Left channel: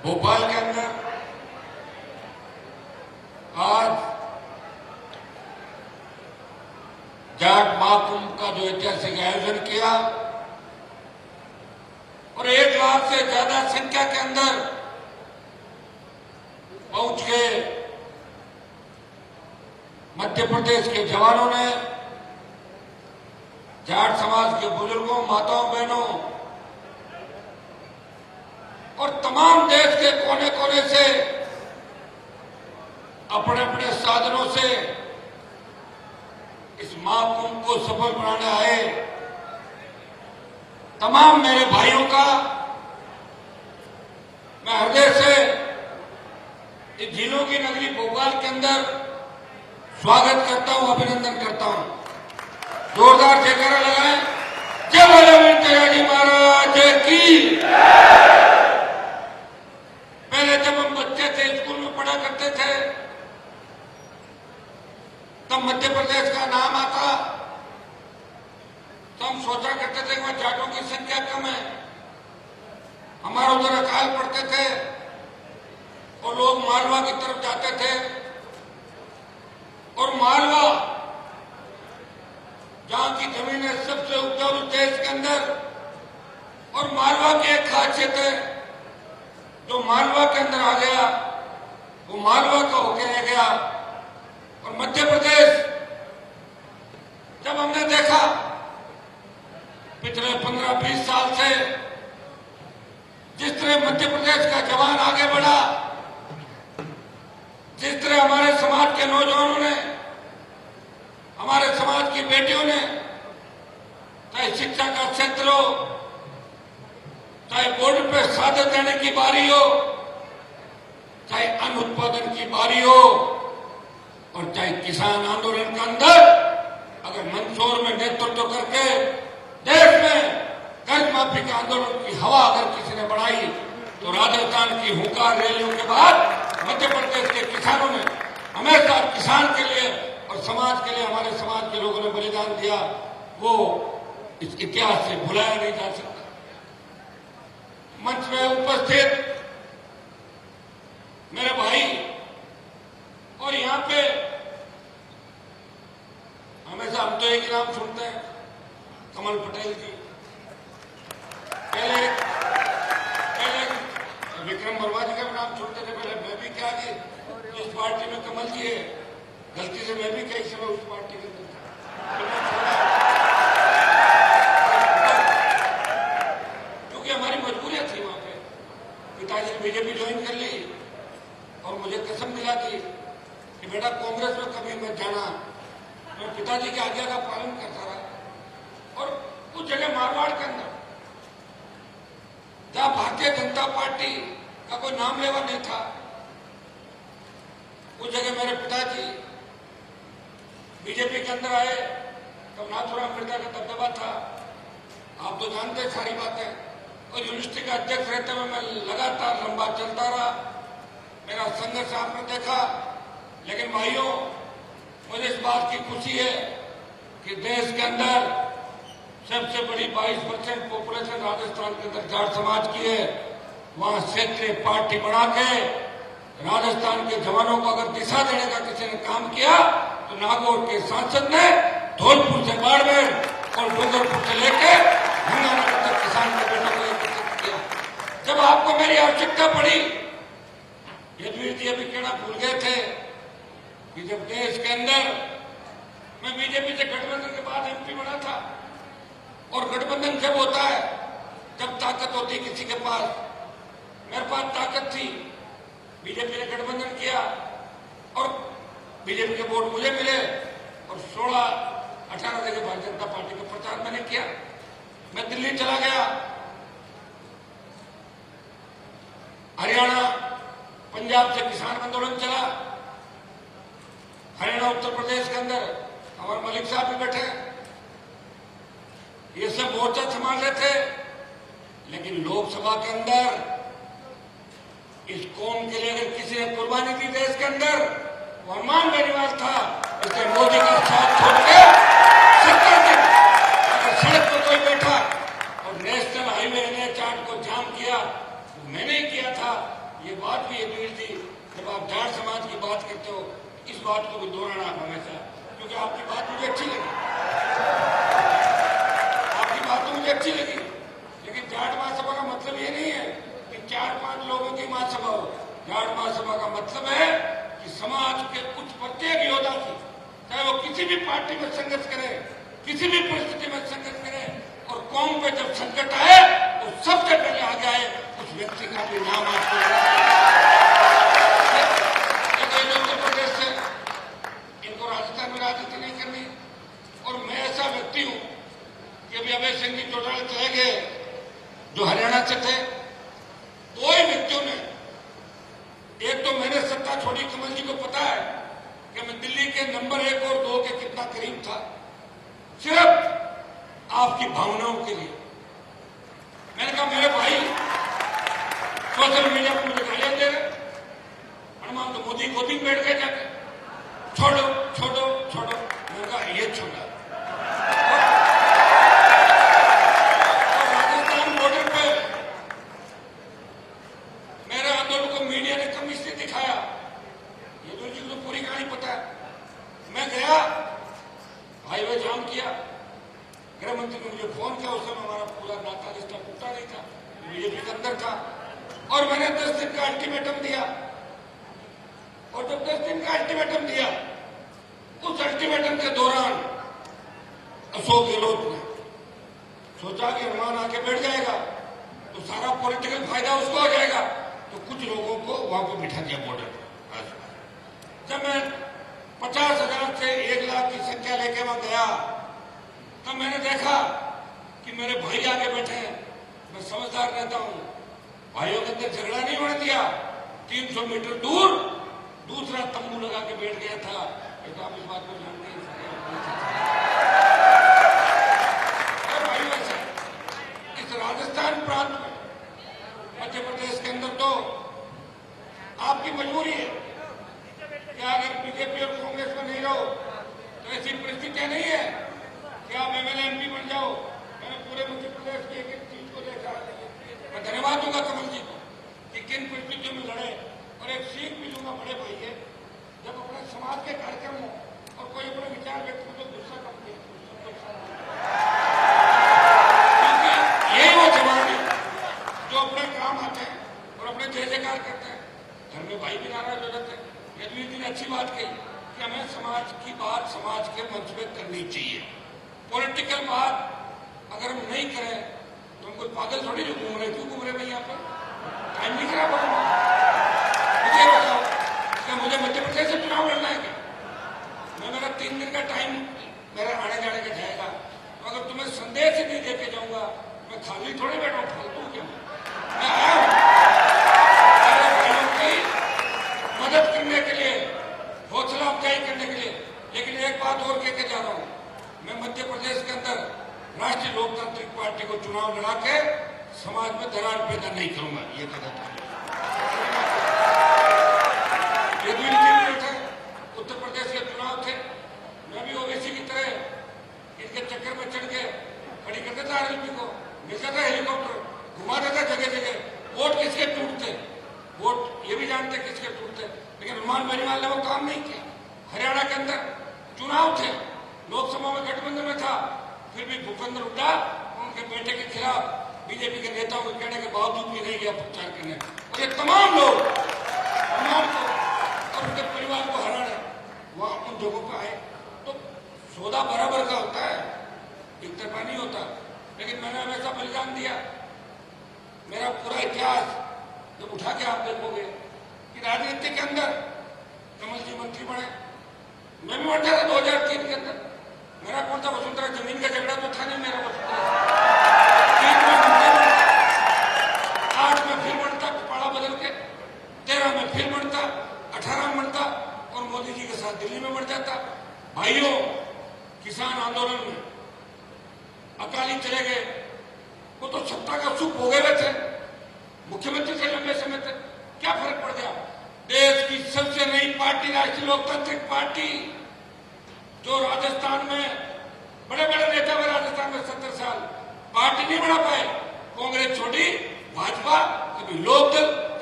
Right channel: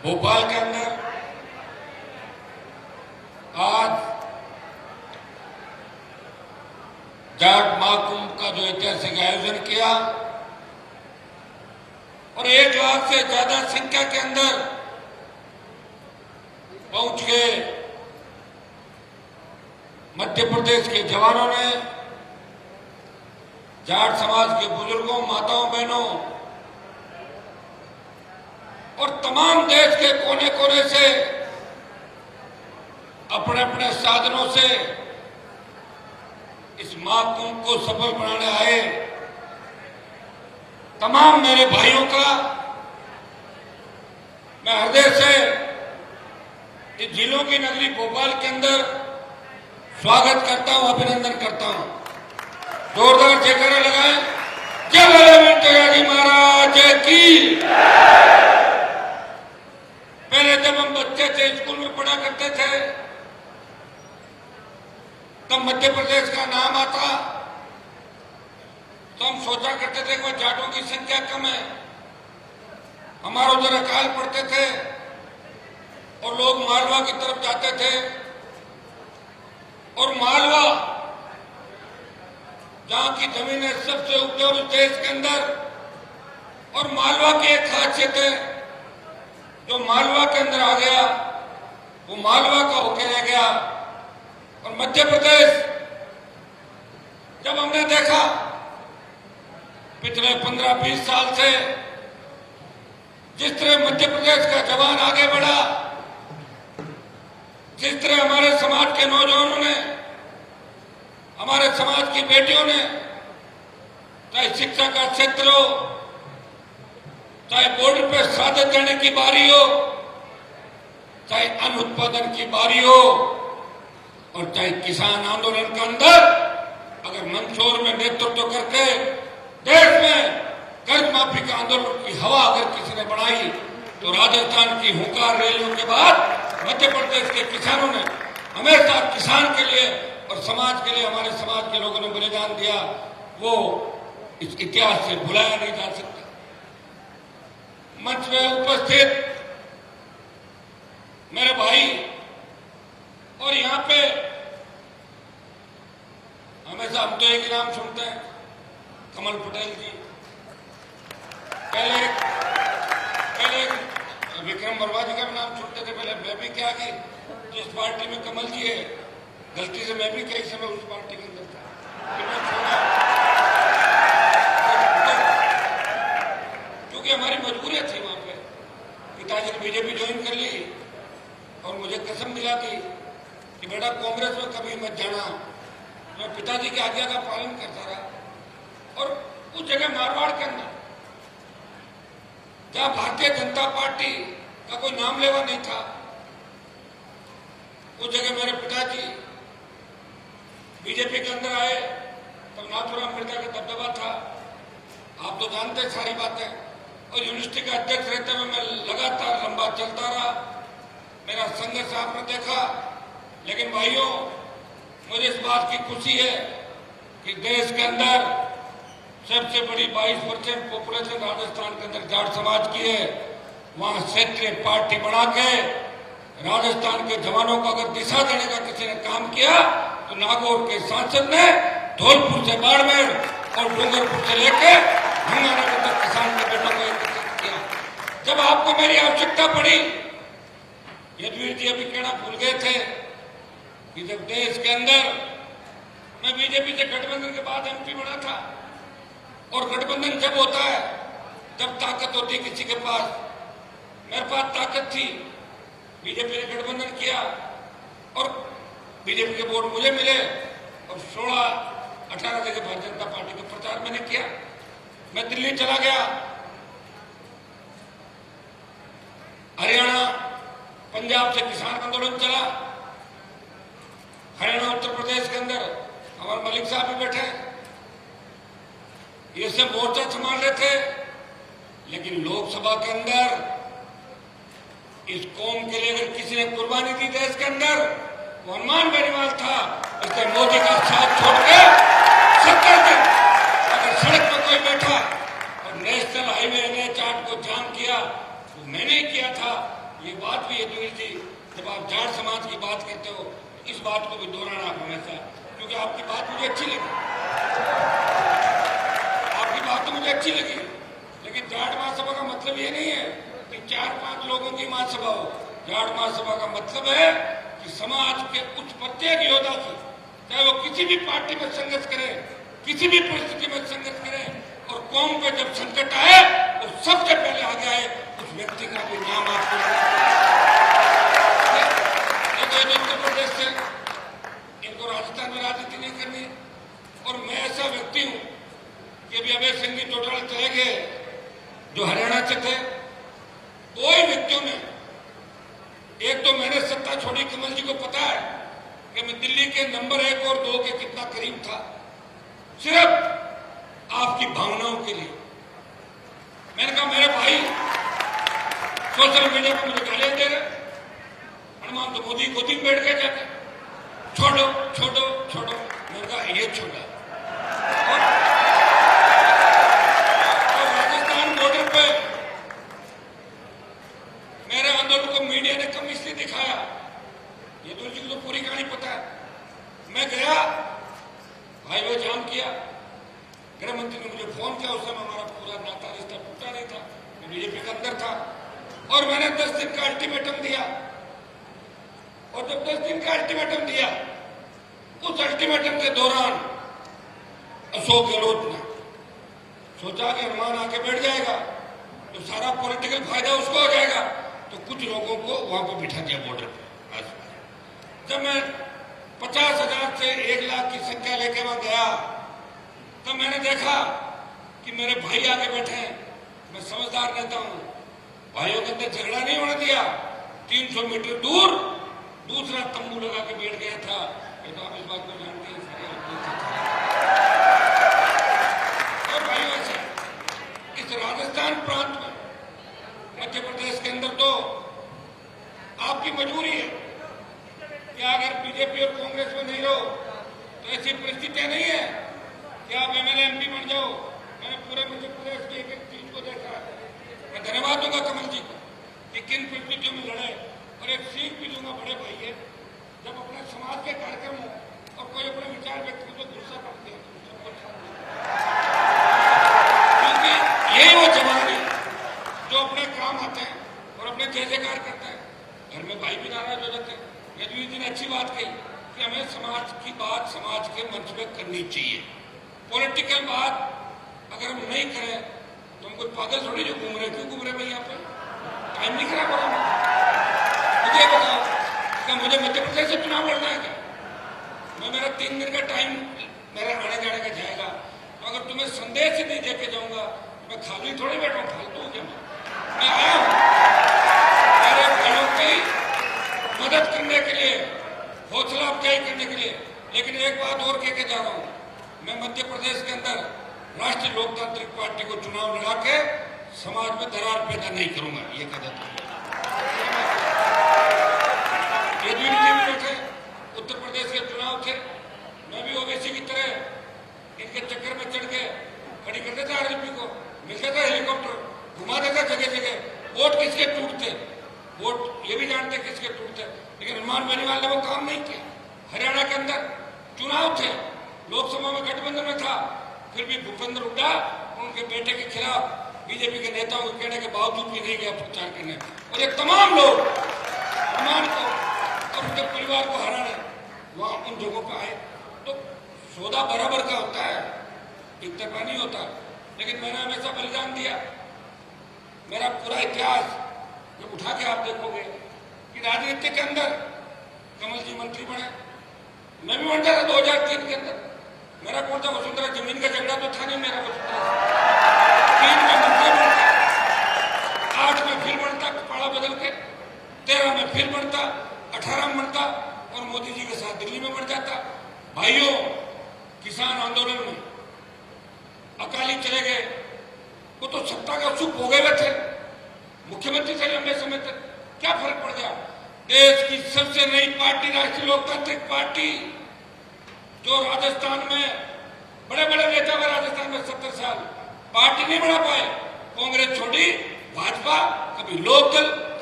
भोपाल के अंदर आज जाट महाकुंभ का जो ऐतिहासिक आयोजन किया और 1 लाख से ज्यादा संख्या के अंदर पहुंच के मध्य प्रदेश के जवानों ने जाट समाज के बुजुर्गों, माताओं, बहनों और तमाम देश के कोने कोने से अपने अपने साधनों से इस महाकुंभ को सफल बनाने आए तमाम मेरे भाइयों का मैं हृदय से इस झीलों की नगरी भोपाल के अंदर स्वागत करता हूं, अभिनंदन करता हूं। जोरदार जयकारा लगाएं। जय बोले जगाजी महाराज की। पहले जब हम बच्चे थे, स्कूल में पढ़ा करते थे, तब मध्य प्रदेश का नाम आता तो हम सोचा करते थे कि जाटों की संख्या कम है। हमारे उधर अकाल पड़ते थे और लोग मालवा की तरफ जाते थे और मालवा जहां की जमीनें सबसे उपजाऊ देश के अंदर, और मालवा की एक खासियत है, जो मालवा के अंदर आ गया वो मालवा का होकर रह गया। और मध्य प्रदेश जब हमने देखा पिछले 15-20 साल से जिस तरह मध्य प्रदेश का जवान आगे बढ़ा, जिस तरह हमारे समाज के नौजवानों ने, हमारे समाज की बेटियों ने, चाहे शिक्षा का क्षेत्र हो, चाहे बॉर्डर पर शहादत देने की बारी हो, चाहे अन्न उत्पादन की बारी हो, और चाहे किसान आंदोलन के अंदर अगर मंदसौर में नेतृत्व करके देश में कर्ज माफी का आंदोलन की हवा अगर किसी ने बढ़ाई, तो राजस्थान की हुंकार रैलियों के बाद मध्य प्रदेश के किसानों ने हमेशा किसान के लिए और समाज के लिए, हमारे समाज के लोगों ने बलिदान दिया, वो इस इतिहास से भुलाया नहीं जा सकता। मंच में उपस्थित मेरे भाई, और यहां पे हमेशा हम तो एक नाम सुनते हैं, कमल पटेल जी। पहले विक्रम वर्मा जी का भी नाम सुनते थे, पहले मैं भी क्या कि इस पार्टी में कमल जी है, गलती से मैं भी कई समय उस पार्टी के अंदर था, क्योंकि हमारी मजबूरियां थी। वहां पे पिताजी ने बीजेपी ज्वाइन कर ली और मुझे कसम दिला दी कि बेटा कांग्रेस में कभी मत जाना। मैं पिताजी की आज्ञा का पालन करता रहा। और उस जगह मारवाड़ के अंदर जहां भारतीय जनता पार्टी का कोई नाम लेवा नहीं था, उस जगह मेरे पिताजी बीजेपी के अंदर आए तो नाथूराम मिर्जा का दबदबा था। आप तो जानते सारी बातें। और यूनिवर्सिटी का अध्यक्ष रहते हुए मैं लगातार लंबा चलता रहा। मेरा संघर्ष आपने देखा। लेकिन भाइयों, मुझे इस बात की खुशी है कि देश के अंदर सबसे बड़ी 22% पॉपुलेशन राजस्थान के अंदर जाट समाज की है। वहां क्षेत्रीय पार्टी बना के राजस्थान के जवानों को अगर दिशा देने का किसी ने काम किया, तो नागौर के सांसद ने धौलपुर से बाड़मेर और डूंगरपुर से लेकर गंगानगर तक किसान के बेटों को एकत्रित किया। जब आपको मेरी आवश्यकता पड़ी, यदुवीर जी अभी कहना भूल गए थे कि जब देश के अंदर मैं बीजेपी से गठबंधन के बाद एमपी बना था, और गठबंधन जब होता है तब ताकत होती है किसी के पास। मेरे पास ताकत थी, बीजेपी ने गठबंधन किया और बीजेपी के वोट मुझे मिले और 16-18 जगह भारतीय जनता पार्टी का प्रचार मैंने किया। मैं दिल्ली चला गया, हरियाणा, पंजाब से किसान आंदोलन चला, हरियाणा, उत्तर प्रदेश के अंदर हमारे मलिक साहब भी बैठे, ये सब मोर्चा संभाल रहे थे। लेकिन लोकसभा के अंदर इस कौम के लिए अगर किसी ने कुर्बानी दी देश के अंदर, वो हनुमान बेनीवाल था। इसलिए मोदी का साथ छोड़ के 70 दिन अगर सड़क पर कोई बैठा और नेशनल हाईवे NH8 को जाम किया, तो मैंने ही किया था। ये बात भी अधूरी थी। जब आप जाट समाज की बात करते हो इस बात को भी दोहराना आप हमेशा, क्योंकि आपकी बात मुझे अच्छी लगी, आपकी बात तो मुझे अच्छी लगी, लेकिन जाट महासभा का मतलब ये नहीं है कि 4-5 लोगों की महासभा हो। जाट महासभा का मतलब है कि समाज के कुछ प्रत्येक योद्धा की, चाहे वो किसी भी पार्टी में संघर्ष करे, किसी भी परिस्थिति में संघर्ष करे, और कौम पे जब संकट आए तो सबसे पहले आगे आए उस व्यक्ति का भी नाम आपको उत्तर प्रदेश से, इनको राजस्थान में राजनीति नहीं करनी। और मैं ऐसा व्यक्ति हूं कि अभी अभय सिंह भी चौटाला चले गए जो हरियाणा से थे। दो ही व्यक्तियों ने, एक तो मैंने सत्ता छोड़ी, कमल जी को पता है कि मैं दिल्ली के नंबर 1 और 2 के कितना करीब था, सिर्फ आपकी भावनाओं के लिए। मैंने कहा मेरे भाई सोशल मीडिया पर मुझे गालियां दे रहे, हनुमान तो मोदी गोदी में बैठ के जाते, छोड़ो छोड़ो छोड़ो। मैंने कहा ये छोड़ा। और राजस्थान बॉर्डर पे मेरे आंदोलन को मीडिया ने कम इसलिए दिखाया, ये तो जी को पूरी कहानी पता है। मैं गया, हाईवे जाम किया, गृह मंत्री ने मुझे फोन किया, उस समय हमारा पूरा नाता रिश्ता टूटा नहीं था, बीजेपी के अंदर था, और मैंने 10 दिन का अल्टीमेटम दिया। और जब 10 दिन का अल्टीमेटम दिया, उस अल्टीमेटम के दौरान अशोक गहलोत ने सोचा कि हनुमान आके बैठ जाएगा तो सारा पॉलिटिकल फायदा उसको हो जाएगा, तो कुछ लोगों को वहां पर बिठा दिया बॉर्डर पर। जब मैं 50,000 से 1 लाख की संख्या लेके वहां गया, तब मैंने देखा कि मेरे भाई आगे बैठे हैं। मैं समझदार रहता हूं, भाइयों के अंदर झगड़ा नहीं होने दिया। 300 मीटर दूर दूसरा तंबू लगा के बैठ गया था। तो आप इस बात को जानते हैं। और भाइयों से इस राजस्थान प्रांत में, मध्य प्रदेश के अंदर तो आपकी मजबूरी है कि अगर बीजेपी और कांग्रेस में नहीं रहो तो ऐसी परिस्थितियां नहीं है कि आप एमएलए एमपी बन जाओ। मैंने पूरे मध्य प्रदेश की एक चीज को देखा। मैं धन्यवाद दूंगा कमल जी को कि किन परिस्थितियों में लड़े, और एक सीख भी दूंगा बड़े भाई है, जब अपने समाज के कार्यक्रम हो और कोई अपने विचार व्यक्त करे तो गुस्सा कम किया, क्योंकि यही वो जवान है जो अपने काम आते हैं और अपने जय जयकार करते हैं। घर में भाई भी नाराज हो जाते हैं। यदुवीर जी ने अच्छी बात कही कि हमें समाज की बात समाज के मंच में करनी चाहिए। पॉलिटिकल बात अगर हम नहीं करें तो हम कोई पागल थोड़ी जो घूम रहे, क्यों घूम रहे भाई यहाँ पे? टाइम नहीं खराब होगा। मुझे बताओ क्या मुझे मध्य प्रदेश से चुनाव लड़ना है क्या? मेरा 3 दिन का टाइम मेरा आने जाने का जाएगा, तो अगर तुम्हें संदेश ही नहीं देके जाऊंगा मैं खाली थोड़ी बैठा, फालतू क्या? मैं आया हूं मेरे भाइयों की मदद करने के लिए, हौसला अफजाई करने के लिए। लेकिन एक बात और कहकर जा रहा हूं, मैं मध्य प्रदेश के अंदर राष्ट्रीय लोकतांत्रिक पार्टी को चुनाव लड़ा के समाज में दरार पैदा नहीं करूंगा। ये गलत है। ये भी थे, उत्तर प्रदेश के चुनाव थे, मैं भी ओबीसी की तरह इनके चक्कर में चढ़ के खड़ी कर देता आरएलपी को, मिल जाता हेलीकॉप्टर, घुमा देता जगह जगह। वोट किसके टूटते, वोट ये भी जानते किसके टूटते, लेकिन हनुमान बेनीवाल ने वो काम नहीं किया। हरियाणा के अंदर चुनाव थे, लोकसभा में गठबंधन में था, फिर भी भूपेंद्र हुड्डा उनके बेटे के खिलाफ बीजेपी के नेताओं के कहने के बावजूद भी नहीं गया प्रचार करने, और ये तमाम लोग हनुमान को और उनके परिवार को हराने वहां उन जगहों पर आए। तो सौदा बराबर का होता है, एक तरफा नहीं होता। लेकिन मैंने हमेशा बलिदान दिया। मेरा पूरा इतिहास जब उठा के आप देखोगे कि राजनीति के अंदर कमल जी मंत्री बने, मैं भी बन जाता 2003 के अंदर। मेरा कौन था वसुंधरा, जमीन का झगड़ा तो था नहीं मेरा। वसुंधरा 3 में मंत्री बनता, 8 में फिर बनता कपाड़ा बदल के, 13 में फिर बनता, 18 में बनता और मोदी जी के साथ दिल्ली में बढ़ जाता। भाइयों, किसान आंदोलन में अकाली चले गए, वो तो सत्ता का सुख भोगे हुए थे, मुख्यमंत्री से लंबे समय तक क्या फर्क पड़ गया? देश की सबसे नई पार्टी राष्ट्रीय लोकतांत्रिक पार्टी, जो राजस्थान में बड़े बड़े नेता हुए, राजस्थान में 70 साल पार्टी नहीं बना पाए, कांग्रेस छोड़ी, भाजपा, कभी लोकदल, कभी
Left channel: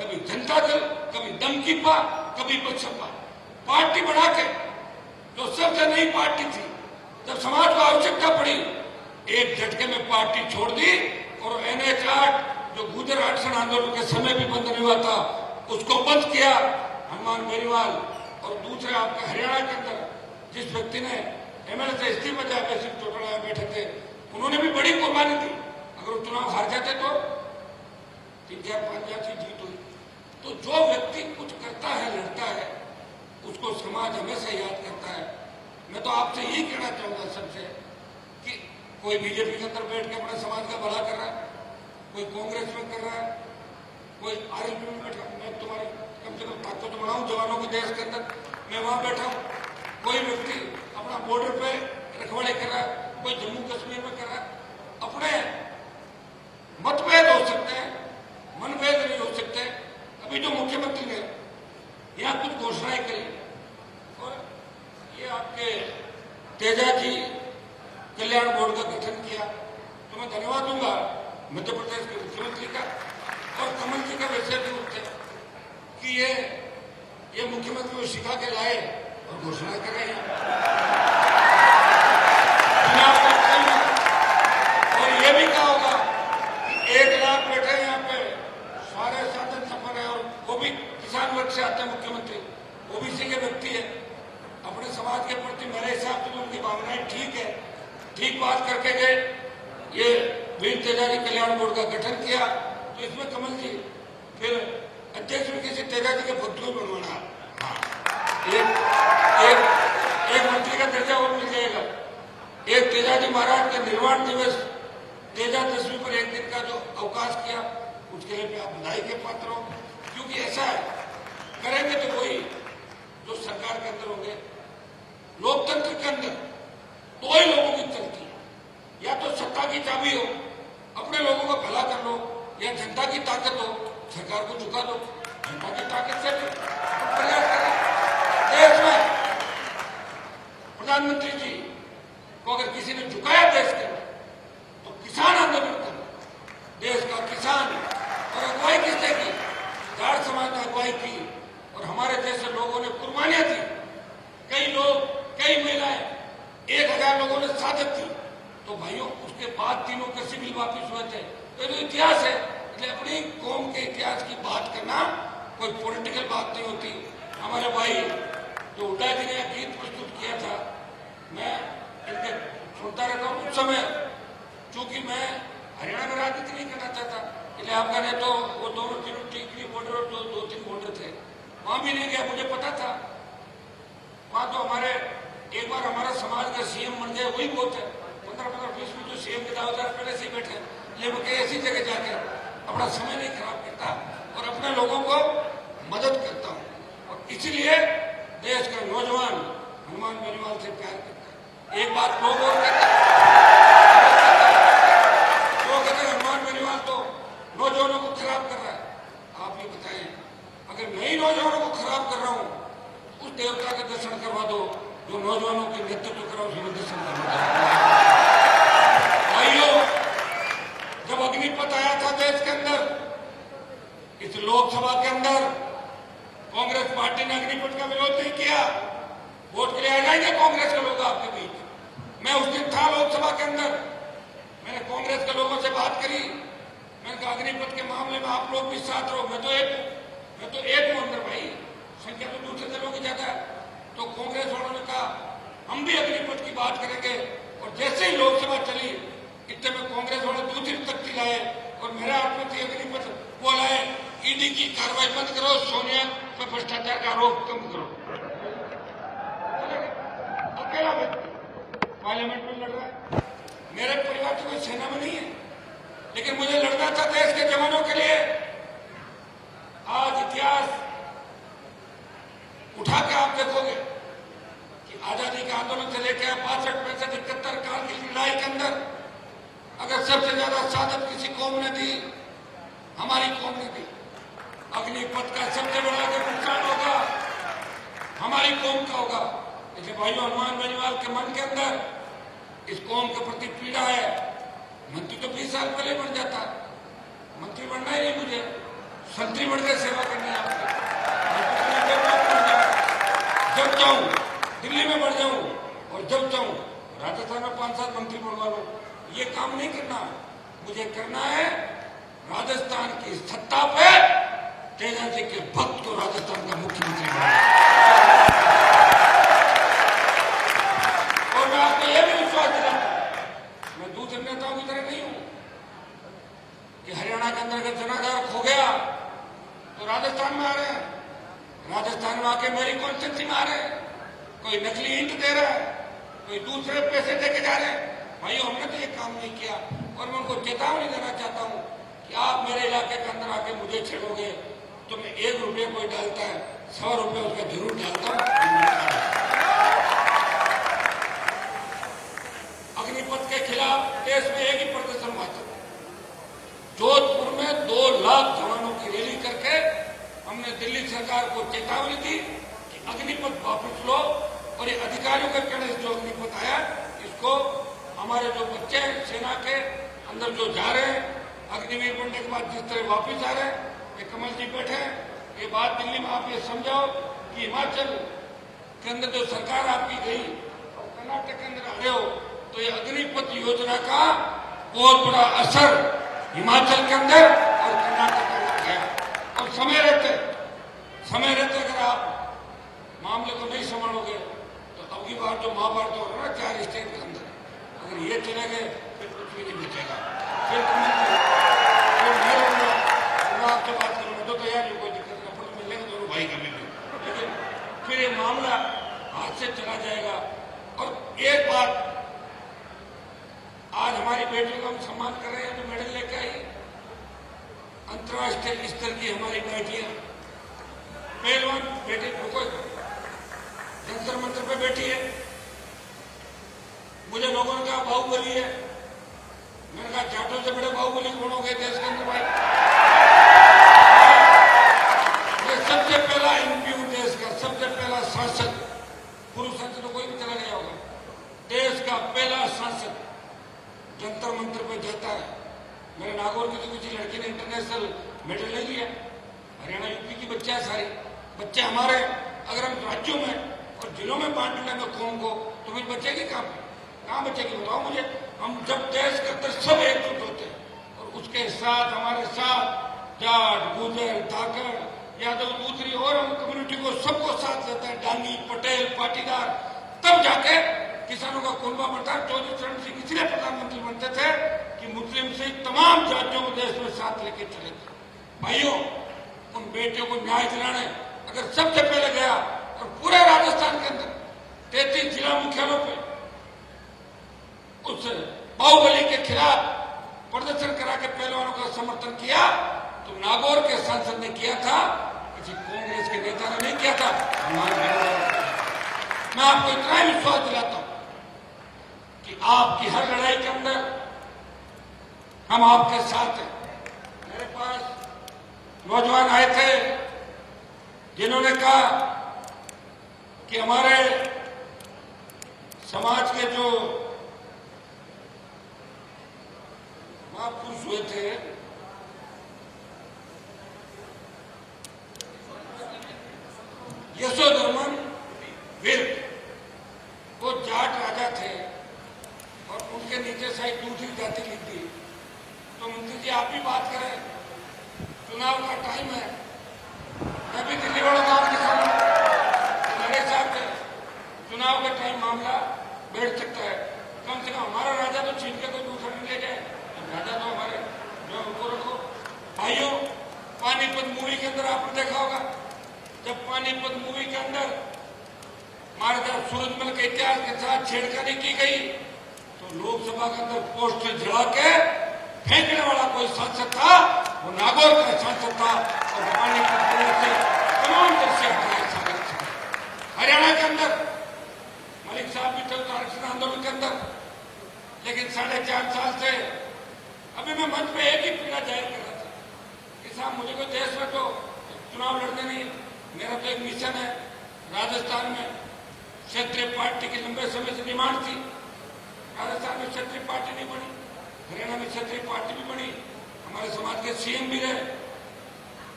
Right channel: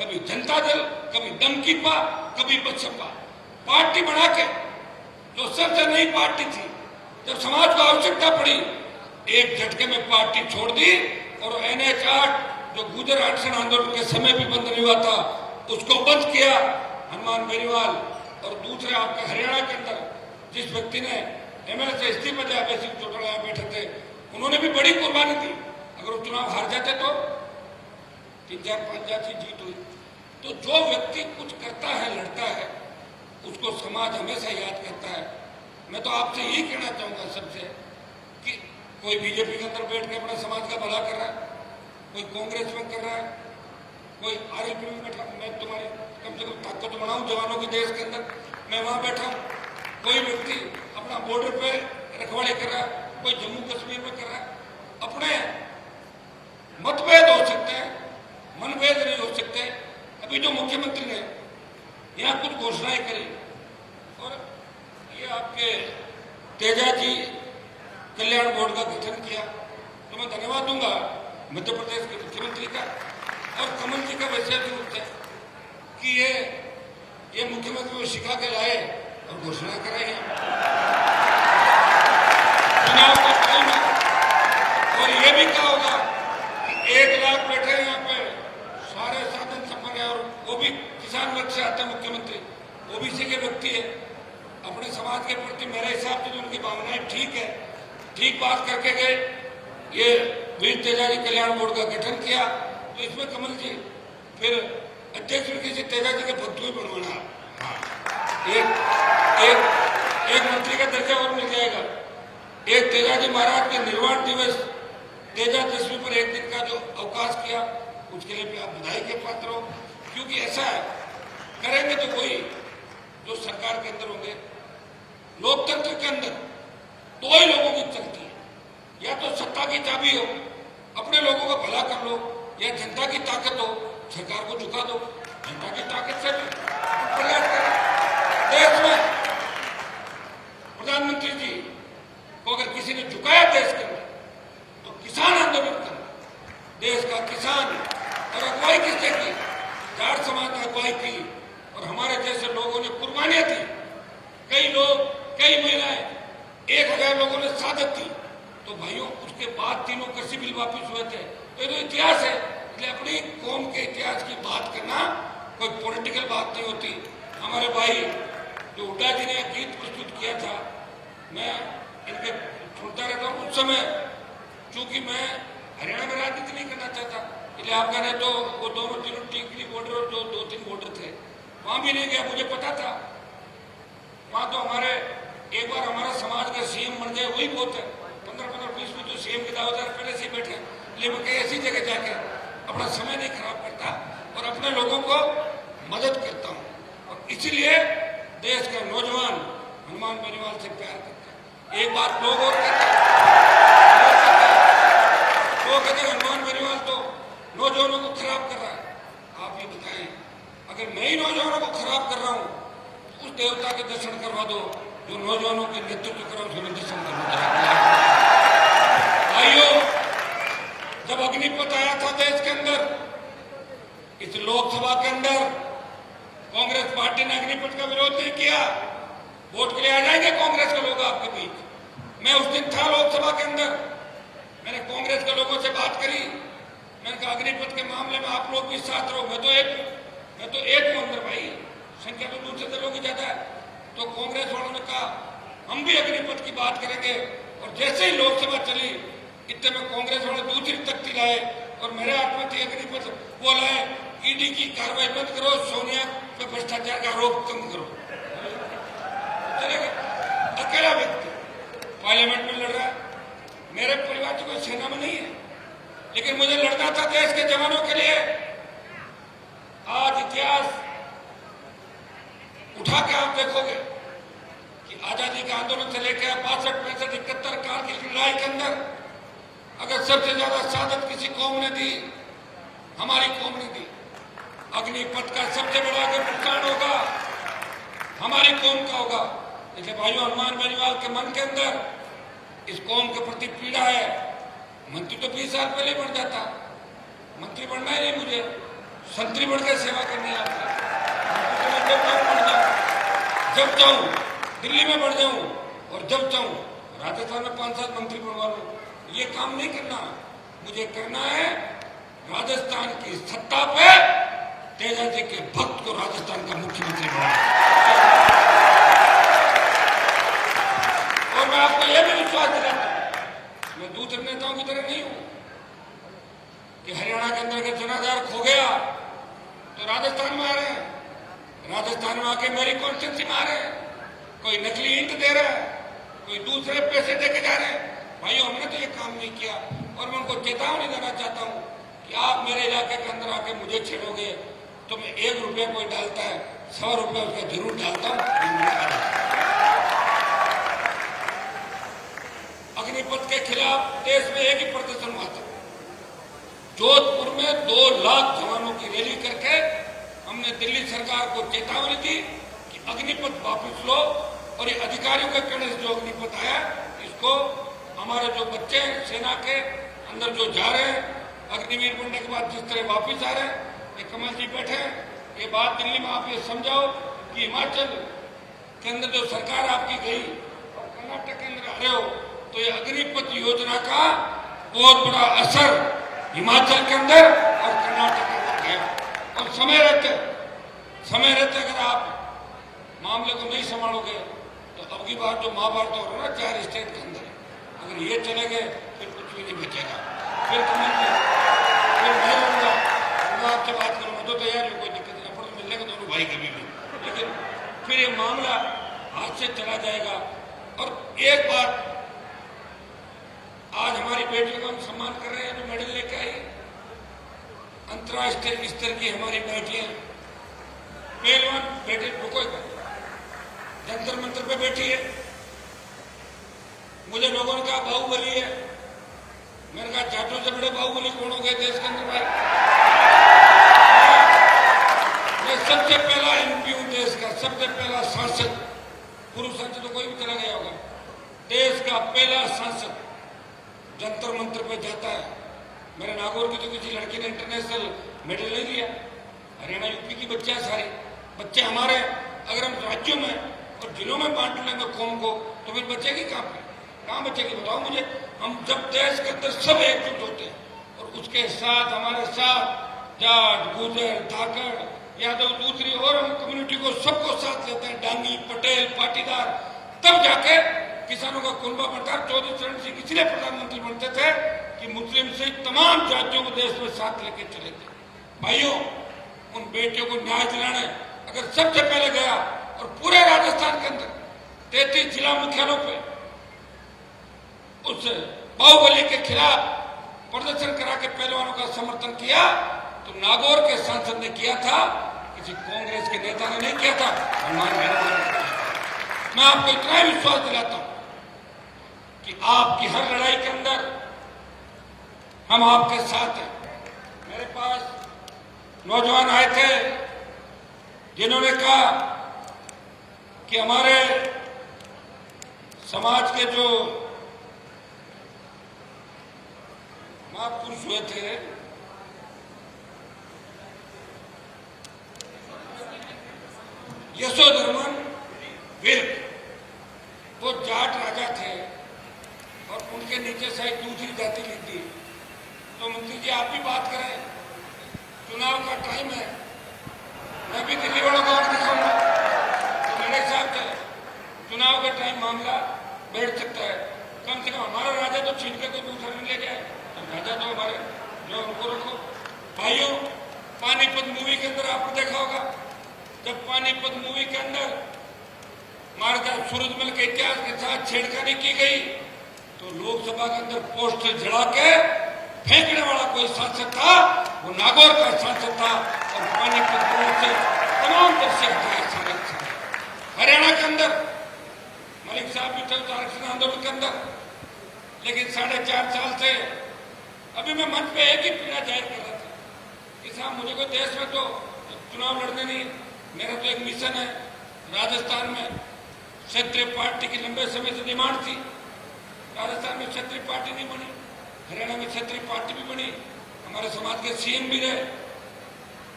कभी जनता दल, कभी दमकीपा, कभी बसपा, पार्टी बना के जो सबसे नई पार्टी थी, जब समाज को आवश्यकता पड़ी एक झटके में पार्टी छोड़ दी और NH 8 जो गुजर अनशन आंदोलन के समय भी बंद नहीं हुआ था उसको बंद किया हनुमान बेनीवाल। और दूसरे आपके हरियाणा के अंदर जिस व्यक्ति ने MLA से इस्तीफा दिया, बेसिक चौटाला बैठे थे, उन्होंने भी बड़ी कुर्बानी दी। अगर वो चुनाव हार जाते तो 3-4-5 की जीत हुई। तो जो व्यक्ति कुछ करता है, लड़ता है, उसको समाज हमेशा याद करता है। मैं तो आपसे यही कहना चाहूंगा सबसे कि कोई बीजेपी के अंदर बैठ के अपने समाज का भला कर रहा है, कोई कांग्रेस में कर रहा है, कोई RLP में बैठा, मैं तुम्हारी कम से कम ताकत बनाऊं जवानों के देश के अंदर, मैं वहां बैठा हूं। कोई व्यक्ति अपना बॉर्डर पे रखवाले कर रहा है, कोई जम्मू कश्मीर में कर रहा है। अपने मतभेद हो सकते हैं, मनभेद नहीं हो सकते। अभी जो मुख्यमंत्री ने यहाँ कुछ घोषणाएं करी और ये आपके तेजा जी कल्याण बोर्ड का गठन किया, तो मैं धन्यवाद दूंगा मध्य प्रदेश के मुख्यमंत्री का और कमल जी का विशेष रूप से कि ये मुख्यमंत्री को सिखा के लाए और घोषणा कर रहे हैं और ये भी कहा होगा कि 1 लाख बैठे यहाँ पे, सारे साधन संपन्न है और वो भी किसान वर्ग से आते हैं मुख्यमंत्री, OBC के व्यक्ति है। अपने समाज के प्रति मेरे हिसाब से उनकी भावनाएं ठीक है, ठीक बात करके गए। ये वीर तेजा जी कल्याण बोर्ड का गठन किया तो इसमें कमल जी फिर अध्यक्ष किसी तेजा जी के भक्त में बनवाना, एक मंत्री का दर्जा और मिल जाएगा। एक तेजा जी महाराज के निर्वाण दिवस तेजा दशमी पर 1 दिन का जो अवकाश किया उसके लिए भी आप बधाई के पात्र हो, क्योंकि ऐसा है करेंगे तो कोई जो सरकार के अंदर होंगे, लोकतंत्र के अंदर 2 ही लोगों की चलती है, या तो सत्ता की चाबी हो, अपने लोगों का भला कर लो, या जनता की ताकत हो, सरकार को झुका दो। जनता की ताकत से प्रयास करें। देश में प्रधानमंत्री जी को अगर किसी ने झुकाया देश के अंदर तो किसान आंदोलन करना, देश का किसान और अगुवाई किसने की, जाट समाज ने अगुवाई की और हमारे जैसे लोगों ने कुर्बानियां दी। कई लोग, कई महिलाएं, 1000 लोगों ने शहादत दी। तो भाइयों उसके बाद 3 कृषि बिल वापिस हुए थे। तो ये तो इतिहास है, इसलिए अपनी कौम के इतिहास की बात करना कोई पॉलिटिकल बात नहीं होती। हमारे भाई जो हुड्डा जी ने गीत प्रस्तुत किया था, मैं इनके सुनता रहता हूँ। उस समय चूंकि मैं हरियाणा में राजनीति नहीं करना चाहता, इसलिए आप कह रहे तो वो दोनों तीनों टीकरी बॉर्डर और जो 2-3 बॉर्डर थे वहां भी नहीं गया, मुझे पता था। वहां तो हमारे एक बार हमारा समाज के CM बन गए, वही बहुत है। 15-20 में जो CM के दावेदार पहले से बैठे, लेकिन मैं ऐसी जगह जाके अपना समय नहीं खराब करता और अपने लोगों को मदद करता हूं। और इसीलिए देश के नौजवान हनुमान बेनीवाल से प्यार करते हैं। एक बात लोग और कहते हैं हनुमान बेनीवाल तो नौजवानों को खराब कर रहा है। आप ये बताएं, अगर मैं ही नौजवानों को खराब कर रहा हूं, उस देवता के दर्शन करवा दो जो नौजवानों के नेतृत्व कर रहा हूं, उसे दर्शन करवा दो। भाइयों, जब अग्निपथ आया था देश के अंदर, इस लोकसभा के अंदर कांग्रेस पार्टी ने अग्निपथ का विरोध नहीं किया। वोट के लिए आ जाएंगे कांग्रेस के लोग आपके बीच। मैं उस दिन था लोकसभा के अंदर, मैंने कांग्रेस के लोगों से बात करी। मैंने कहा अग्निपथ के मामले में आप लोग भी साथ रहो। मैं तो एक हूं अंदर भाई, संख्या तो दूसरे दलों की ज्यादा है। तो कांग्रेस वालों ने कहा हम भी अग्निपथ की बात करेंगे। और जैसे ही लोकसभा चली, इतने में कांग्रेस वाले दूसरी तख्ती लाए और मेरे हाथ में थी अग्निपथ, वो लाए ED की कार्रवाई बंद करो, सोनिया पे भ्रष्टाचार का आरोप कम करो। अकेला व्यक्ति पार्लियामेंट में लड़ रहा है। मेरे परिवार की कोई सेना में नहीं है, लेकिन मुझे लड़ना था देश के जवानों के लिए। आज इतिहास उठा के आप देखोगे कि आजादी के आंदोलन से लेकर 62, 65, 71 कारगिल की लड़ाई के अंदर अगर सबसे ज्यादा शहादत किसी कौम ने दी, हमारी कौम ने दी। अग्निपथ का सबसे बड़ा अगर नुकसान होगा हमारी कौम का होगा। इसलिए भाइयों, हनुमान बेनीवाल के मन के अंदर इस कौम के प्रति पीड़ा है। मंत्री तो 20 साल पहले बन जाता, मंत्री बनना ही नहीं मुझे, संतरी बढ़ के सेवा करनी है आपकी। जब चाहूं दिल्ली में बढ़ जाऊं और जब चाहूं राजस्थान में 5-7 मंत्री बनवा लूं, ये काम नहीं करना। मुझे करना है राजस्थान की सत्ता पे तेजा जी के भक्त को राजस्थान का मुख्यमंत्री बनाना। और मैं आपको यह भी विश्वास दिलाता हूं, मैं दूसरे नेताओं की तरह नहीं हूं कि हरियाणा के अंदर अगर जनाधार खो गया तो राजस्थान में आ रहे हैं, राजस्थान में आके मेरी कॉन्स्टिट्यूंसी में आ रहे हैं, कोई नकली ईंट दे रहा है, कोई दूसरे पैसे देके जा रहे हैं। भाई हमने तो ये काम नहीं किया। और मैं उनको चेतावनी देना चाहता हूं कि आप मेरे इलाके के अंदर आके मुझे छेड़ोगे तो मैं 1 रुपया कोई डालता है 100 रुपया उसका जरूर डालता हूं। अग्निपथ के खिलाफ देश में एक ही प्रदर्शन हुआ था। जोधपुर में 2 लाख जवानों की रैली करके हमने दिल्ली सरकार को चेतावनी दी कि अग्निपथ वापस लो और ये अधिकारियों के कहने से जो अग्निपथ आया इसको हमारे जो बच्चे हैं सेना के अंदर जो जा रहे हैं अग्निवीर बनने के बाद जिस तरह वापस आ रहे हैं, ये कमल जी बैठे हैं, ये बात दिल्ली में आप ये समझाओ कि हिमाचल के अंदर जो सरकार आपकी गई और कर्नाटक के अंदर आ रहे हो तो ये अग्निपथ योजना का बहुत बड़ा असर हिमाचल के अंदर और कर्नाटक के अंदर है। और समय रहते अगर आप मामले को नहीं संभालोगे तो अब की बार जो महाभारत हो रहा है ना 4 स्टेट के अंदर, अगर ये चले गए फिर कुछ भी नहीं बचेगा। फिर मैं लूंगा, मैं आपसे बात करूंगा तो तैयार हो, कोई दिक्कत नहीं, अपन मिलने का दोनों भाई कर लेंगे, लेकिन फिर ये मामला हाथ से चला जाएगा। और एक बात, आज हमारी बेटियों का हम सम्मान कर रहे हैं, जो मेडल लेके आई, अंतर्राष्ट्रीय स्तर की हमारी बेटियां, पहलवान बेटे रुको, जंतर मंत्र पे बैठी है। मुझे लोगों ने कहा बाहुबली है, मैंने कहा जाटों से बड़े बाहुबली कौन हो गए देश के अंदर भाई। मैं सबसे पहला एमपी हूं देश का, सबसे पहला सांसद, पुरुष सांसद तो कोई भी चला गया होगा, देश का पहला सांसद जंतर मंत्र पे जाता है। मेरे नागौर की तो किसी लड़की ने इंटरनेशनल मेडल नहीं लिया। हरियाणा यूपी की बच्चे हैं, सारे बच्चे हमारे। अगर हम राज्यों में और जिलों में बांट लेंगे कौम को तो फिर बचेगी कहाँ बचेगी बताओ मुझे। हम जब देश के अंदर सब एकजुट होते हैं और उसके साथ हमारे साथ जाट, गुजर, धाकड़, यादव, दूसरी और हम कम्युनिटी को सबको साथ लेते हैं, डांगी, पटेल, पाटीदार, तब जाके किसानों का कुनबा बंटा। चौधरी चरण सिंह इसलिए प्रधानमंत्री बनते थे कि मुस्लिम से तमाम जातियों को देश में साथ लेके चले थे। भाइयों, उन बेटियों को न्याय दिलाने अगर सबसे पहले गया और पूरे राजस्थान के अंदर 33 जिला मुख्यालयों पे उस बाहुबली के खिलाफ प्रदर्शन करा के पहलवानों का समर्थन किया तो नागौर के सांसद ने किया था, किसी कांग्रेस के नेता ने नहीं किया था, हमारे। मैं आपको इतना विश्वास दिलाता हूं कि आपकी हर लड़ाई के अंदर हम आपके साथ हैं। मेरे पास नौजवान आए थे जिन्होंने कहा कि हमारे समाज के जो महापुरुष हुए थे, यशोधर्मन वीर, वो जाट राजा थे और उनके नीचे शायद दूसरी जाति लिख दी। तो मंत्री जी आप भी बात करें, चुनाव का टाइम है, मैं भी दिल्ली वालों को दिखाऊंगा मेरे साथ चुनाव का टाइम मामला बैठ सकता है। कम से कम हमारा राजा तो छीन के कोई दूसरा नहीं ले गए, राजा तो हमारे जो उनको रखो। भाइयों, पानीपत मूवी के अंदर आपने देखा होगा, जब पानीपत मूवी के अंदर महाराजा सूरजमल के इतिहास के साथ छेड़खानी की गई तो लोकसभा के अंदर पोस्ट से जड़ा के फेंकने वाला कोई सांसद था, वो नागौर का सांसद था और पानीपत से तमाम तरह से हरियाणा के अंदर मलिक साहब भी थे आरक्षण आंदोलन के अंदर, लेकिन 4.5 साल से अभी मैं मंच पे एक ही पीड़ा जाहिर कर रहा था कि साहब मुझे कोई देश में तो चुनाव लड़ने नहीं, मेरा तो एक मिशन है। राजस्थान में क्षेत्रीय पार्टी की लंबे समय से डिमांड थी, राजस्थान में क्षेत्रीय पार्टी नहीं बनी, हरियाणा में क्षेत्रीय पार्टी भी बनी, हमारे समाज के सीएम भी रहे,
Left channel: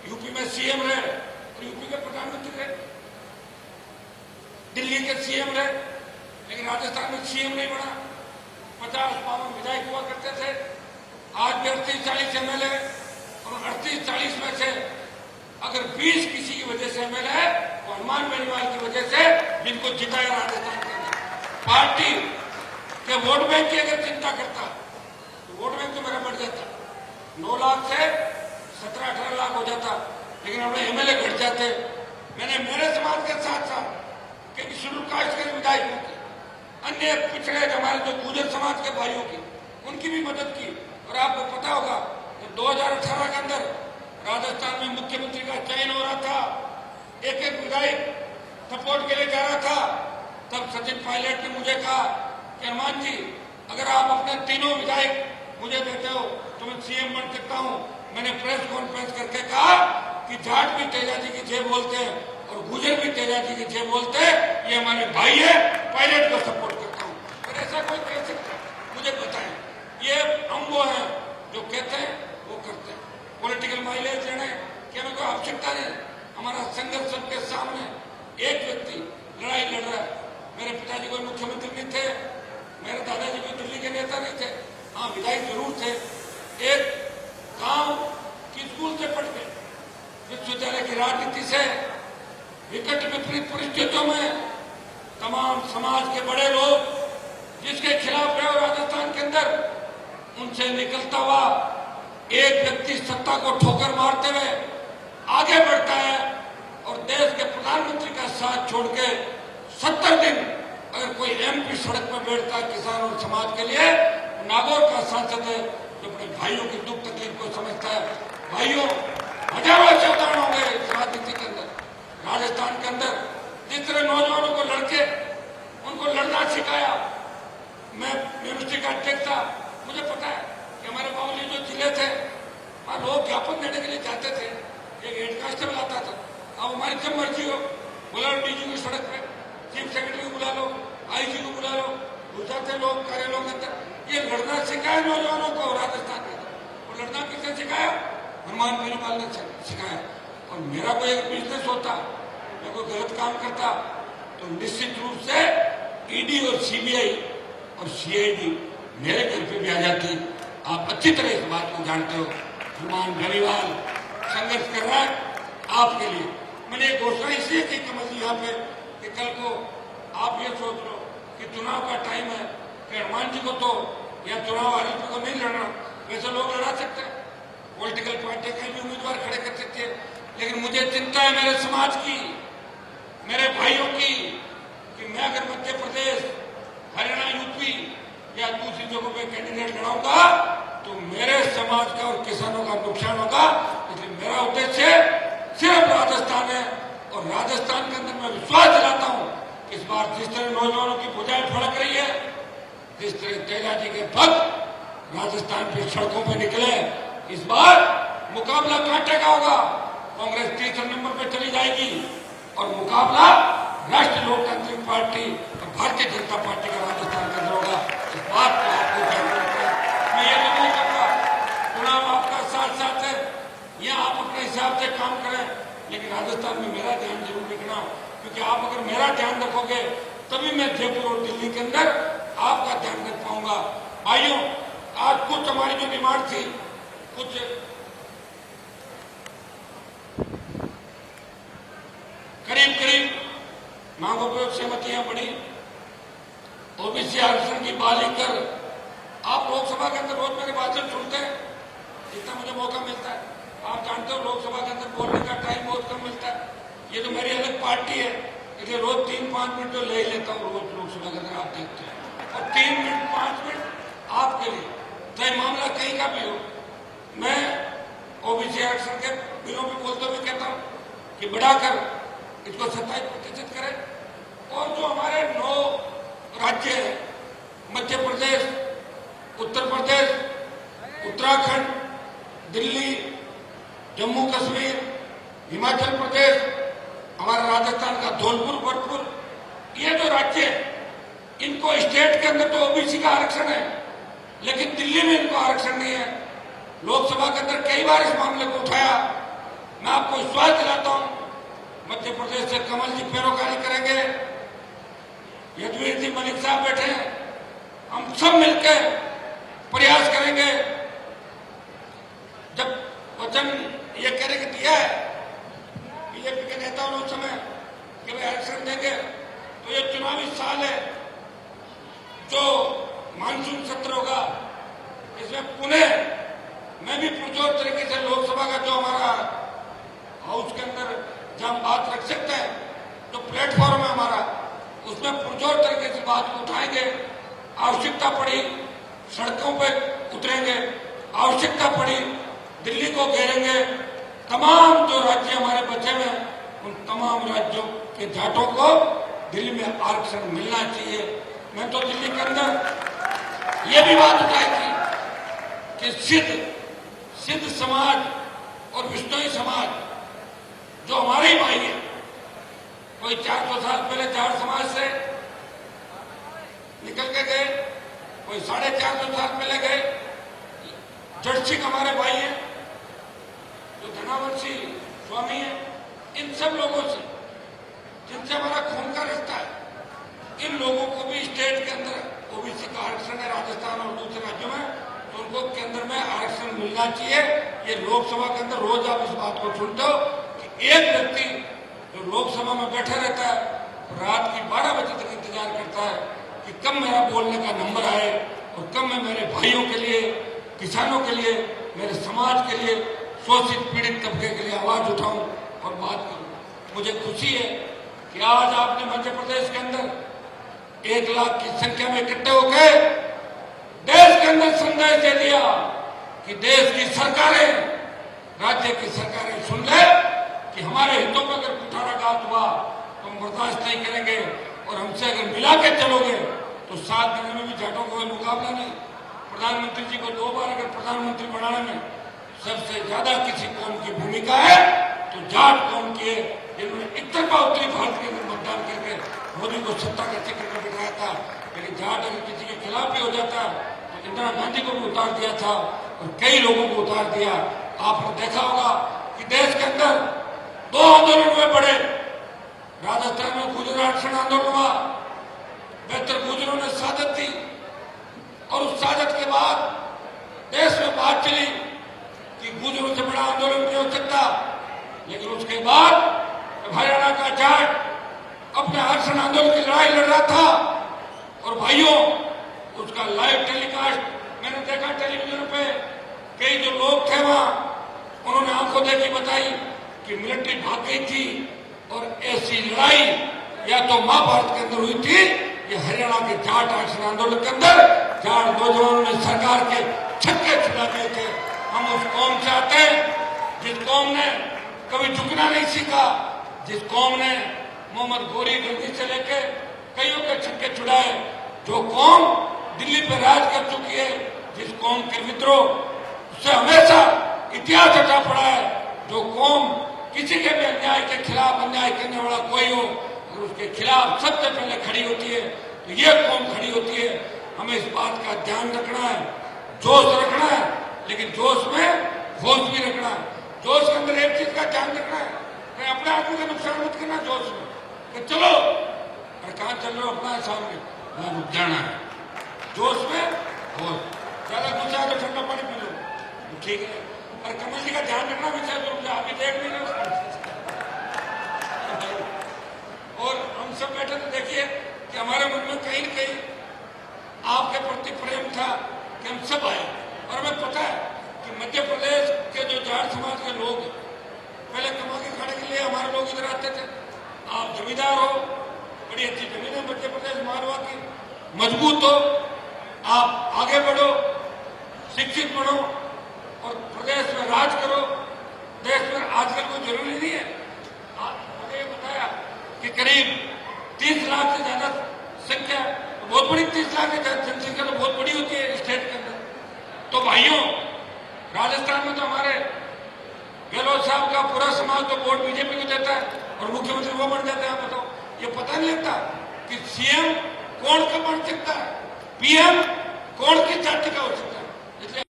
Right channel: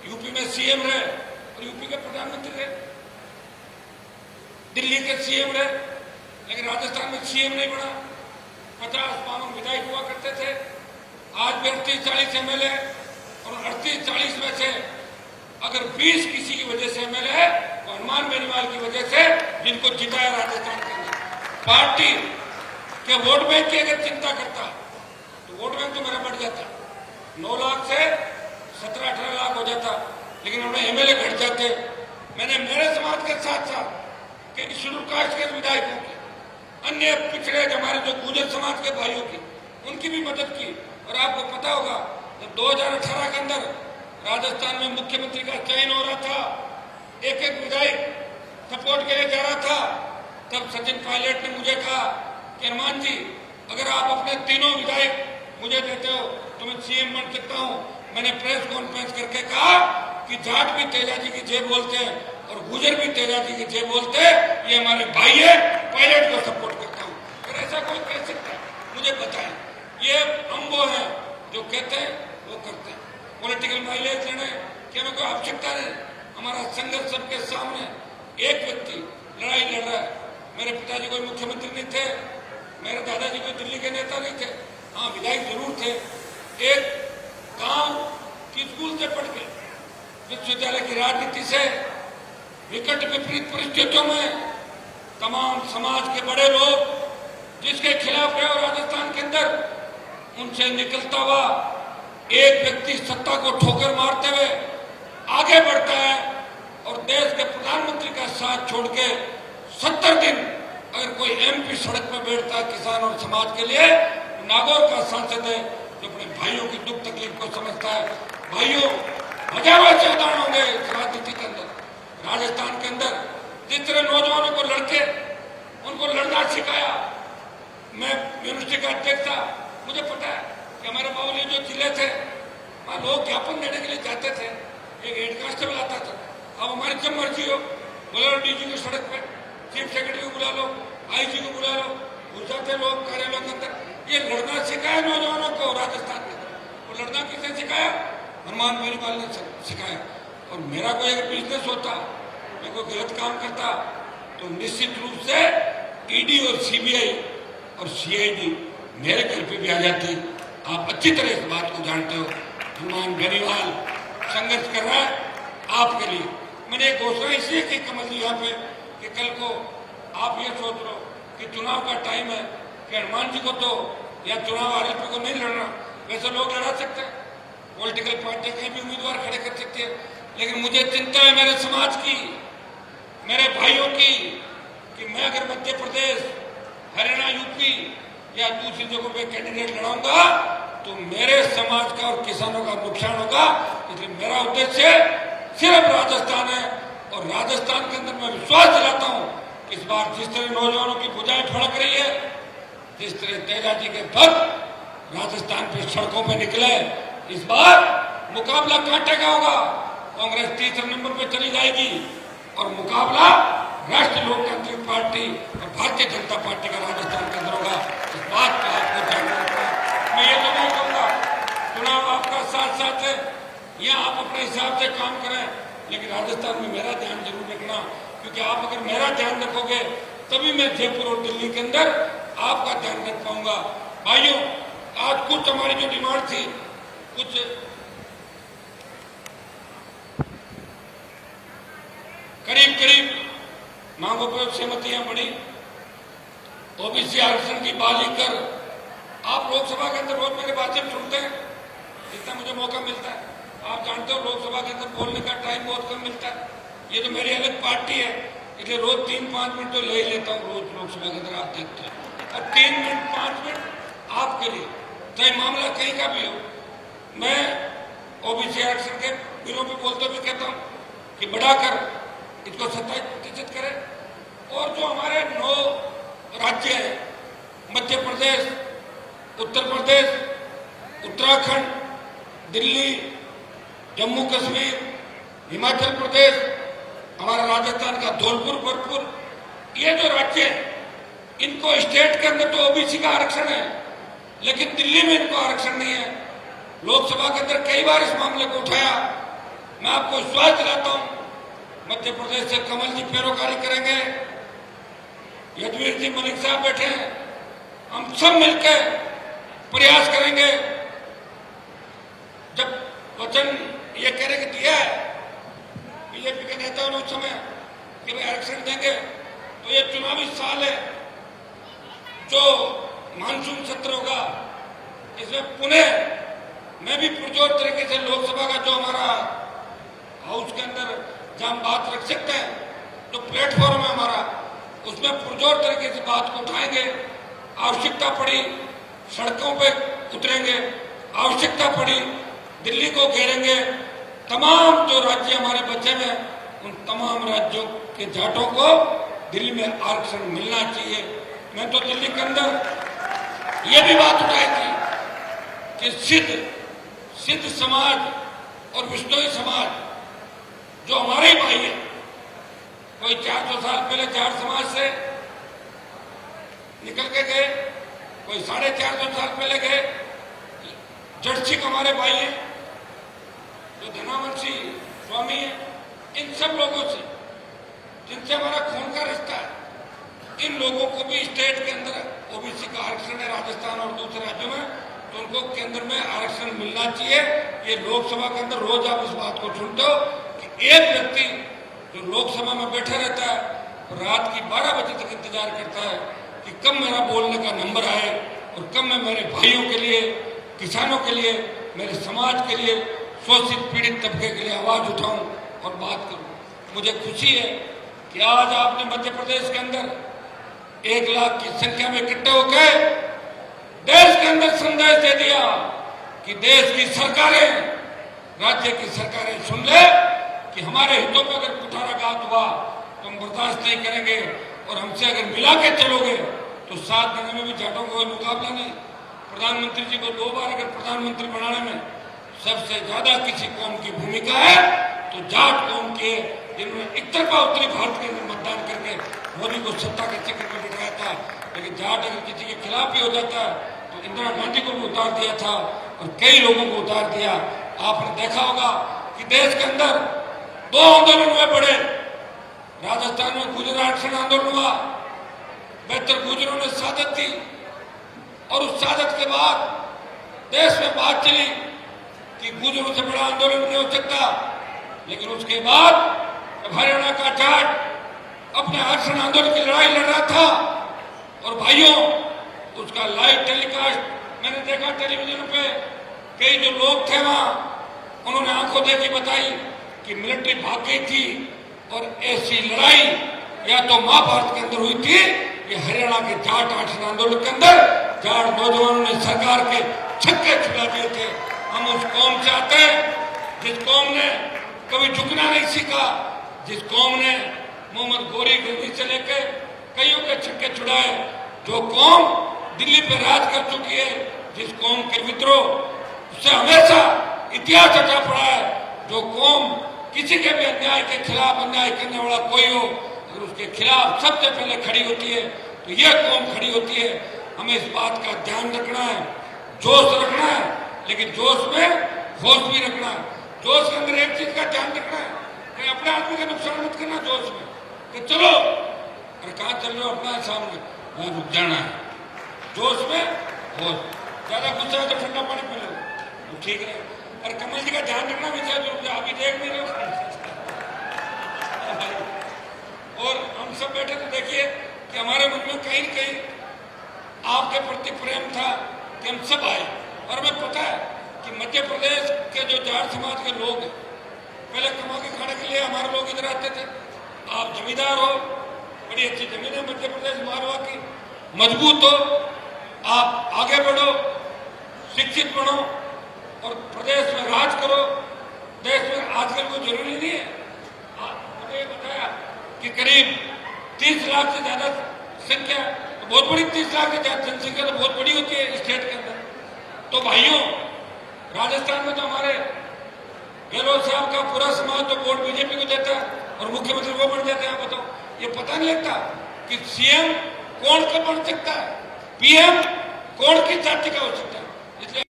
यूपी में सीएम रहे और यूपी के प्रधानमंत्री रहे, दिल्ली के सीएम रहे, लेकिन राजस्थान में सीएम नहीं बना। 50-52 विधायक हुआ करते थे, आज भी 38-40 एमएलए, और 38-40 में से अगर 20 किसी की वजह से एमएलए है तो हनुमान बेनीवाल की वजह से, जिनको जिताया राजस्थान के अंदर। पार्टी के वोट बैंक की अगर चिंता करता तो वोट बैंक तो मेरा बढ़ जाता, 9 लाख से 17-18 लाख हो जाता, लेकिन हमें एमएलए घट जाते। मैंने मेरे समाज के साथ साथ कई शेड्यूल कास्ट के विधायकों की, अन्य पिछड़े हमारे जो गुर्जर समाज के भाइयों की, उनकी भी मदद की। और आपको पता होगा जब 2018 के अंदर राजस्थान में मुख्यमंत्री का चयन हो रहा था, एक विधायक सपोर्ट के लिए जा रहा था, तब सचिन पायलट ने मुझे कहा कि हनुमान जी, अगर आप अपने तीनों विधायक मुझे देते हो तो मैं सीएम बन सकता हूं। मैंने प्रेस कॉन्फ्रेंस करके कहा कि जाट भी तेजा जी की जय बोलते हैं और गुर्जर भी तेजा जी की जय बोलते हैं, ये हमारे भाई है, पायलट को सपोर्ट करता हूं। अगर ऐसा कोई कह सकता है मुझे बताएं। ये हम वो हैं जो कहते हैं वो करते हैं। पॉलिटिकल माइलेज लेने की हमें कोई आवश्यकता नहीं। हमारा संघर्ष सबके सामने, एक व्यक्ति लड़ाई लड़ रहा है। मेरे पिताजी कोई मुख्यमंत्री नहीं थे, मेरे दादाजी कोई दिल्ली के नेता नहीं थे, हाँ विधायक जरूर थे। एक गांव की स्कूल से पढ़ के विश्वविद्यालय की राजनीति से विकट विपरीत परिस्थितियों में तमाम समाज के बड़े लोग जिसके खिलाफ रहे राजस्थान के अंदर, उनसे निकलता हुआ एक व्यक्ति सत्ता को ठोकर मारते हुए आगे बढ़ता है और देश के प्रधानमंत्री का साथ छोड़ के 70 दिन अगर कोई एमपी सड़क पर बैठता है किसान और समाज के लिए, नागौर का सांसद है जो अपने भाइयों की दुख तकलीफ को समझता है। भाइयों, हजारों ऐसे उदाहरण होंगे राजनीति के अंदर, राजस्थान के अंदर, जिस तरह नौजवानों को लड़के उनको लड़ना सिखाया। मैं यूनिवर्सिटी का अध्यक्ष था, मुझे पता है कि हमारे बाबूजी जो जिले थे वहां लोग ज्ञापन देने के लिए जाते थे, एक हेड कांस्टेबल आता था, अब हमारी जब मर्जी हो बुला लो डीजी की सड़क पे, चीफ सेक्रेटरी को बुला लो, आईजी को बुला लो, घुस जाते लोग कार्यालयों के अंदर। ये लड़ना सिखाया नौजवानों को राजस्थान में, और लड़ना किसने सिखाया? हनुमान बेनीवाल ने सिखाया। और मेरा कोई एक बिजनेस होता, मैं कोई गलत काम करता तो निश्चित रूप से ईडी और सीबीआई और सीआईडी मेरे घर पे भी आ जाती। आप अच्छी तरह इस बात को जानते हो। हनुमान बेनीवाल संघर्ष कर रहा है आपके लिए। मैंने एक घोषणा इसलिए की कमल जी यहाँ पे कि कल को आप ये सोच लो कि चुनाव का टाइम है कि हनुमान जी को तो या चुनाव आरोपी को नहीं लड़ना, वैसे लोग लड़ा सकते हैं, पॉलिटिकल पार्टी कहीं भी उम्मीदवार खड़े कर सकती है, लेकिन मुझे चिंता है मेरे समाज की, मेरे भाइयों की, कि मैं अगर मध्य प्रदेश, हरियाणा, यूपी या दूसरी जगहों पे कैंडिडेट लड़ाऊंगा तो मेरे समाज का और किसानों का नुकसान होगा। इसलिए मेरा उद्देश्य सिर्फ राजस्थान है, और राजस्थान के अंदर मैं विश्वास दिलाता हूं कि इस बार जिस तरह नौजवानों की भुजाएं फड़क रही है, जिस तरह तेजा जी के भक्त राजस्थान की सड़कों पर निकले, इस बार मुकाबला कांटे का होगा। कांग्रेस तीसरे नंबर पर चली जाएगी और मुकाबला राष्ट्रीय लोकतांत्रिक पार्टी और भारतीय जनता पार्टी का राजस्थान के अंदर होगा। इस बात का आपको ध्यान रखना है। मैं ये तो नहीं कहूंगा चुनाव आपका साथ साथ है, या आप अपने हिसाब से काम करें, लेकिन राजस्थान में मेरा ध्यान जरूर रखना, क्योंकि आप अगर मेरा ध्यान रखोगे तभी मैं जयपुर और दिल्ली के अंदर आपका ध्यान रख पाऊंगा। भाइयों, आज कुछ हमारी जो डिमांड थी, कुछ करीब मांगों पर सहमतियां बढ़ी। ओबीसी आरक्षण की बात लेकर आप लोकसभा के अंदर रोज मेरे भाषण सुनते हैं, जितना मुझे मौका मिलता है। आप जानते हो लोकसभा के अंदर बोलने का टाइम बहुत कम मिलता है। ये तो मेरी अलग पार्टी है, इसलिए रोज 3-5 मिनट तो ले ही लेता हूँ रोज लोकसभा के अंदर, आप देखते हैं, और 3 मिनट 5 मिनट आपके लिए, चाहे मामला कहीं का भी हो। मैं ओबीसी आरक्षण के बिलों पर बोलते हुए कहता हूँ कि बढ़ाकर इसको 27% करें, और जो हमारे 9 राज्य हैं, मध्य प्रदेश, उत्तर प्रदेश, उत्तराखंड, दिल्ली, जम्मू कश्मीर, हिमाचल प्रदेश, हमारा राजस्थान का धौलपुर, भरतपुर, ये जो राज्य हैं, इनको स्टेट के अंदर तो ओबीसी का आरक्षण है, लेकिन दिल्ली में इनको आरक्षण नहीं है। लोकसभा के अंदर कई बार इस मामले को उठाया, मैं आपको विश्वास दिलाता हूं, मध्य प्रदेश से कमल जी पैरोकारी करेंगे, यदुवीर जी मलिक साहब बैठे हैं, हम सब मिलकर प्रयास करेंगे। जब वचन ये कहने के दिया है बीजेपी के नेताओं ने उस समय कि वे आरक्षण देंगे, तो ये चुनावी साल है, जो मानसून सत्र होगा इसमें पुनः मैं भी पुरजोर तरीके से लोकसभा का जो हमारा हाउस के अंदर जहां हम बात रख सकते हैं, जो प्लेटफॉर्म है हमारा, उसमें पुरजोर तरीके से बात को उठाएंगे। आवश्यकता पड़ी सड़कों पे उतरेंगे, आवश्यकता पड़ी दिल्ली को घेरेंगे। तमाम जो राज्य हमारे बचे हुए हैं उन तमाम राज्यों के जाटों को दिल्ली में आरक्षण मिलना चाहिए। मैं तो दिल्ली के अंदर ये भी बात उठाई थी कि सिद्ध समाज और विष्णोई समाज जो हमारे ही भाई है, कोई 400 साल पहले जाट समाज से निकल के गए, कोई 450 साल पहले गए, जड़सिक हमारे भाई हैं, जो धनावंशी स्वामी है, इन सब लोगों से जिनसे हमारा खून का रिश्ता है, इन लोगों को भी स्टेट के अंदर ओबीसी का आरक्षण है राजस्थान और दूसरे राज्यों में, तो उनको केंद्र में आरक्षण मिलना चाहिए। ये लोकसभा के अंदर रोज आप इस बात को सुनते हो कि एक व्यक्ति जो लोकसभा में बैठा रहता है रात की 12 बजे तक इंतजार करता है कि कब मेरा बोलने का नंबर आए और कब मैं मेरे भाइयों के लिए, किसानों के लिए, मेरे समाज के लिए, शोषित पीड़ित तबके के लिए आवाज उठाऊं और बात करूं। मुझे खुशी है कि आज आपने मध्य प्रदेश के अंदर 1 लाख की संख्या में इकट्ठे होकर देश के अंदर संदेश दे दिया कि देश की सरकारें, राज्य की सरकारें सुन ले कि हमारे हितों में अगर कुठाराघात हुआ तो हम बर्दाश्त नहीं करेंगे और हमसे अगर मिला के चलोगे तो 7 महीने में भी जाटों का कोई मुकाबला नहीं। प्रधानमंत्री जी को 2 बार अगर प्रधानमंत्री बनाने में सबसे ज्यादा किसी कौम की भूमिका है तो जाट कौम की है, जिन्होंने एक तरफा उत्तरी भारत के अंदर मतदान करके मोदी को सत्ता के चक्कर में बिठाया था। लेकिन जाट अगर किसी के खिलाफ भी हो जाता है तो इंदिरा गांधी को भी उतार दिया था और कई लोगों को उतार दिया। आपने देखा होगा कि देश के अंदर 2 आंदोलन हुए बड़े। राजस्थान में गुर्जर आरक्षण आंदोलन हुआ, बेहतर गुर्जरों ने शहादत दी और उस शहादत के बाद देश में बात चली कि गुर्जरों से बड़ा आंदोलन नहीं हो सकता। लेकिन उसके बाद हरियाणा का जाट अपने आरक्षण आंदोलन की लड़ाई लड़ रहा था और भाइयों उसका लाइव टेलीकास्ट मैंने देखा टेलीविजन पे। कई जो लोग थे वहां उन्होंने आंखों देखी बताई कि मिलिट्री भाग गई थी और ऐसी लड़ाई या तो महाभारत के अंदर हुई थी कि हरियाणा के जाट आरक्षण आंदोलन के अंदर जाट नौजवानों ने सरकार के छक्के छुड़ा दिए थे। हम उस कौम से आते हैं जिस कौम ने कभी झुकना नहीं सीखा, जिस कौम ने मोहम्मद गोरी गंदी से लेकर कईयों के छक्के छुड़ाए, जो कौम दिल्ली पर राज कर चुकी है, जिस कौम के विद्रोह उससे हमेशा इतिहास रचा पड़ा है, जो कौम किसी के भी अन्याय के खिलाफ अन्याय करने वाला कोई हो अगर उसके खिलाफ सबसे पहले खड़ी होती है तो यह कौम खड़ी होती है। हमें इस बात का ध्यान रखना है, जोश रखना है, लेकिन जोश में होश भी रखना है। जोश के अंदर एक चीज का ध्यान रखना है कि अपने आदमी का नुकसान मत करना जोश में कि चलो अरे कहां चल रहे हो अपना सामने वहां रुक जाना है। जोश में होश, ज्यादा गुस्सा है तो ठंडा पानी पी लो तो ठीक है। और कमल जी का ध्यान रखना भी चाहिए, जो आप ही देख नहीं रहे। और हम सब बैठे तो देखिए कि हमारे मन में कहीं न कहीं आपके प्रति प्रेम था कि हम सब आए। और हमें पता है कि मध्य प्रदेश के जो जाट समाज के लोग पहले कमा के खाने के लिए हमारे लोग इधर आते थे। आप जमींदार हो, बड़ी अच्छी जमीन है मध्य प्रदेश मारवा की, मजबूत हो, आप आगे बढ़ो, शिक्षित बनो और प्रदेश में राज करो। देश में आजकल कोई जरूरी नहीं है। मैंने ये बताया कि करीब 30 लाख से ज्यादा संख्या, तो बहुत बड़ी 30 लाख से ज्यादा जनसंख्या तो बहुत बड़ी होती है स्टेट के अंदर। तो भाइयों राजस्थान में तो हमारे गहलोत साहब का पूरा समाज तो वोट बीजेपी को देता है और मुख्यमंत्री वो बन जाते हैं। बताओ, ये पता नहीं लगता कि सीएम कौन का बन सकता है, पीएम कौन किस जाति का हो सकता है। इसलिए